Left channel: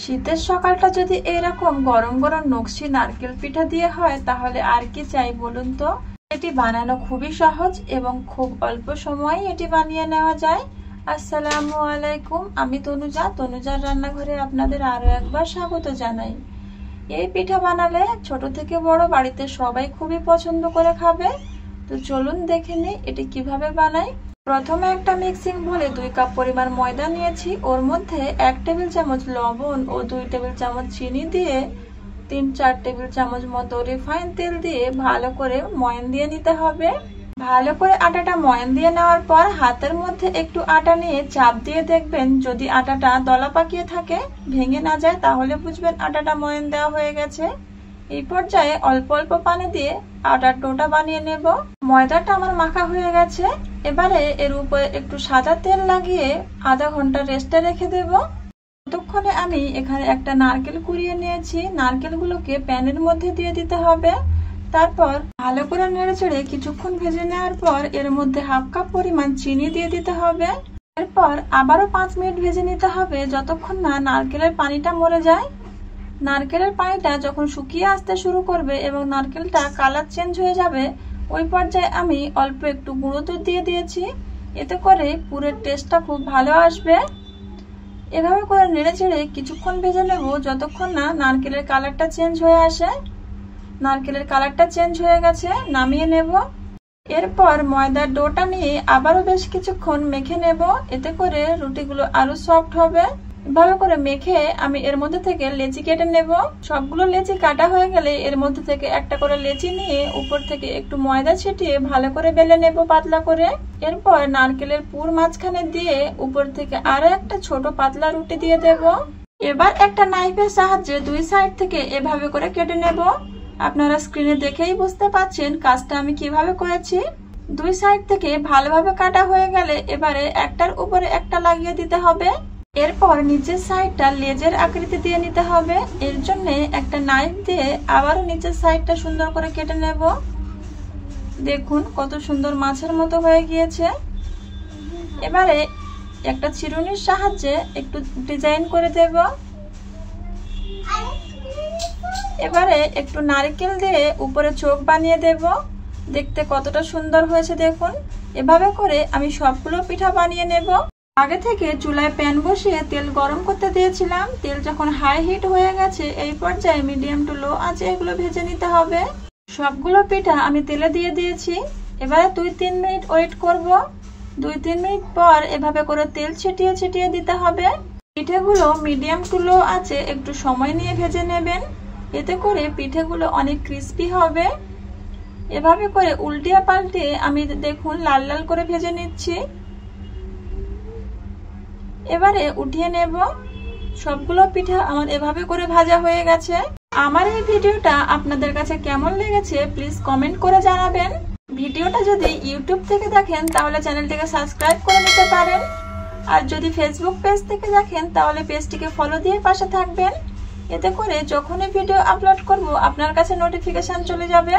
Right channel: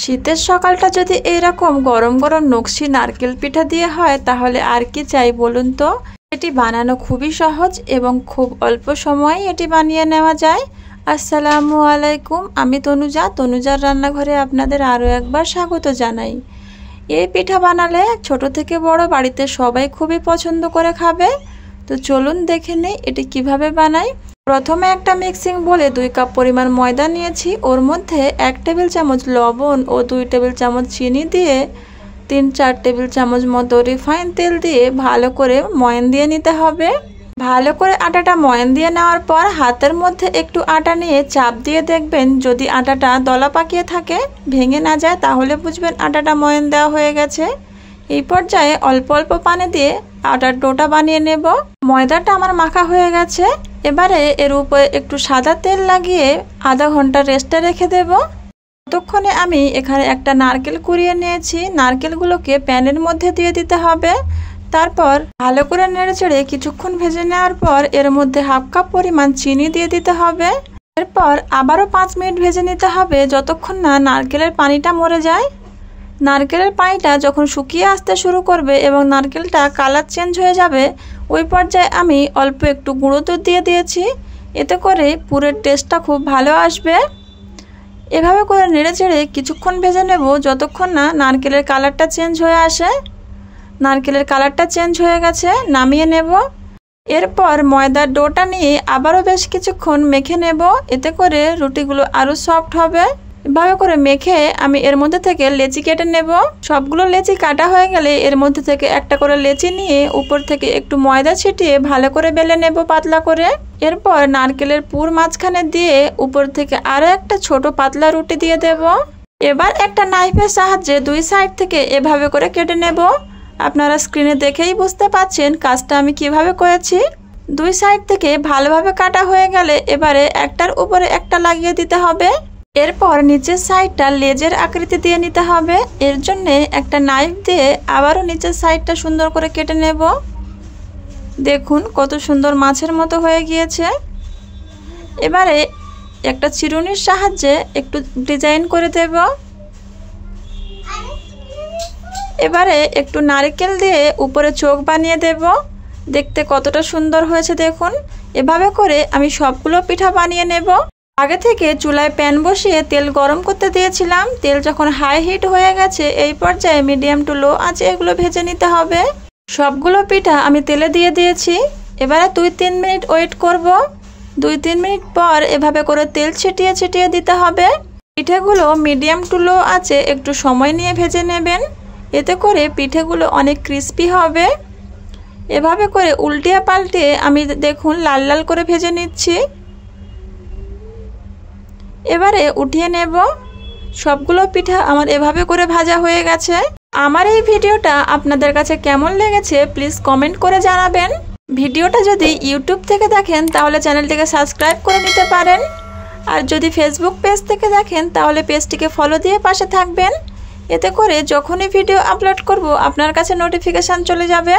শীতের সকালটা যদি এইরকম গরম গরম নকশি নারকেল পিঠা দিয়ে হয় তাহলে আর কি চাই বলুন তো। এটি বানানো খুবই সহজ এবং খুব অল্প সময়ে এটি বানিয়ে নেওয়া যায়। আসসালামু আলাইকুম, আমি তনুজার রান্নাঘরে আপনাদের আরও একবার স্বাগত জানাই। এই পিঠা বানালে ছোট থেকে বড় বাড়িতে সবাই খুবই পছন্দ করে খাবে। তো চলুন দেখে নেই এটি কিভাবে বানাই। প্রথমে একটা মিক্সিং বলে 2 কাপ পরিমাণ ময়দা নিয়েছি, ওর মধ্যে 1 টেবিল চামচ লবণ ও 2 টেবিল চামচ চিনি দিয়ে 3-4 টেবিল চামচ মতো রিফাইন তেল দিয়ে ভালো করে ময়ান দিয়ে নিতে হবে। ভালো করে আটাটা ময়ান দিয়ে নেওয়ার পর হাতের মধ্যে একটু আটা নিয়ে চাপ দিয়ে দেখবেন, যদি আটাটা দলা পাকিয়ে থাকে, ভেঙে না যায়, তাহলে বুঝবেন আটাটা ময়ান দেওয়া হয়ে গেছে। এই পর্যায়ে অল্প অল্প পানি দিয়ে আটার ডোটা বানিয়ে নেব। ময়দাটা আমার মাখা হয়ে গেছে। এবারে এর উপরে একটু সাদা তেল লাগিয়ে আধা ঘন্টা রেস্টে রেখে দেব। ততক্ষণে আমি এখানে একটা নারকেল কুড়িয়ে নিয়েছি। নারকেলগুলোকে প্যানের মধ্যে দিয়ে দিতে হবে। তারপর ভালো করে নেড়েচেড়ে কিছুক্ষণ ভেজে নেওয়ার পর এর মধ্যে 1/2 কাপ পরিমাণ চিনি দিয়ে দিতে হবে। এরপর আবারও 5 মিনিট ভেজে নিতে হবে যতক্ষণ না নারকেলের পানিটা মরে যায়। নারকেলের পানিটা যখন শুকিয়ে আসতে শুরু করবে এবং নারকেলটা কালার চেঞ্জ হয়ে যাবে, ওই পর্যায়ে আমি অল্প একটু গুঁড়ো দুধ দিয়ে দিয়েছি। এতে করে পুরের টেস্টটা খুব ভালো আসবে। এভাবে করে নেড়েচেড়ে কিছুক্ষণ ভেজে নেব যতক্ষণ না নারকেলের কালারটা চেঞ্জ হয়ে আসে। নারকেলের কালারটা চেঞ্জ হয়ে গেছে, নামিয়ে নেব। এরপর ময়দার ডোটা নিয়ে আবারও বেশ কিছুক্ষণ মেখে নেব, এতে করে রুটিগুলো আরও সফট হবে। এভাবে করে মেখে আমি এর মধ্যে থেকে লেচি কেটে নেব। সবগুলো লেচি কাটা হয়ে গেলে এর মধ্যে থেকে একটা করে লেচি নিয়ে উপর থেকে একটু ময়দা ছিটিয়ে ভালো করে বেলে নেব পাতলা করে। এরপর নারকেলের পুর মাঝখানে দিয়ে উপর থেকে আরও একটা ছোট পাতলা রুটি দিয়ে দেব। এবার একটা নাইফের সাহায্যে 2 সাইড থেকে এভাবে করে কেটে নেব। আপনারা স্ক্রিনে দেখেই বুঝতে পাচ্ছেন কাজটা আমি কিভাবে করেছি। 2 সাইড থেকে ভালোভাবে কাটা হয়ে গেলে এবারে একটার উপরে একটা লাগিয়ে দিতে হবে। এরপর নিচের সাইডটা লেজের আকৃতি দিয়ে নিতে হবে। এর জন্য একটা নাইফ দিয়ে আবারও নিচের সাইডটা সুন্দর করে কেটে নেব। দেখুন কত সুন্দর মাছের মতো হয়ে গিয়েছে। এবারে একটা চিরুনির সাহায্যে একটু ডিজাইন করে দেব। এবারে একটু নারকেল দিয়ে উপরে চোখ বানিয়ে দেব। দেখতে কতটা সুন্দর হয়েছে দেখুন। এভাবে করে আমি সবগুলো পিঠা বানিয়ে নেব। আগে থেকে চুলায় প্যান বসিয়ে তেল গরম করতে দিয়েছিলাম। তেল যখন হাই হিট হয়ে গেছে, এই পর্যায়ে মিডিয়াম টু লো আঁচে এগুলো ভেজে নিতে হবে। সবগুলো পিঠা আমি তেলে দিয়ে দিয়েছি। এবারে 2-3 মিনিট ওয়েট করব। 2-3 মিনিট পর এভাবে করে তেল ছিটিয়ে ছিটিয়ে দিতে হবে। পিঠেগুলো মিডিয়াম টু লো আঁচে একটু সময় নিয়ে ভেজে নেবেন, এতে করে পিঠেগুলো অনেক ক্রিস্পি হবে। এভাবে করে উল্টিয়ে পাল্টে আমি দেখুন লাল লাল করে ভেজে নিচ্ছি। এবারে উঠিয়ে নেব। সবগুলো পিঠা আমার এভাবে করে ভাজা হয়ে গেছে। আমার এই ভিডিওটা আপনাদের কাছে কেমন লেগেছে প্লিজ কমেন্ট করে জানাবেন। ভিডিওটা যদি ইউটিউব থেকে দেখেন তাহলে চ্যানেলটিকে সাবস্ক্রাইব করে নিতে পারেন। আর যদি ফেসবুক পেজ থেকে দেখেন তাহলে পেজটিকে ফলো দিয়ে পাশে থাকবেন। এতে করে যখনই ভিডিও আপলোড করব আপনার কাছে নোটিফিকেশান চলে যাবে।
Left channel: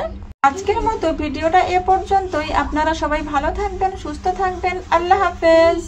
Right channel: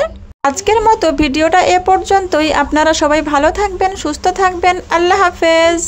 আজকের মতো ভিডিওটা এ পর্যন্তই। আপনারা সবাই ভালো থাকবেন, সুস্থ থাকবেন। আল্লাহ হাফেজ।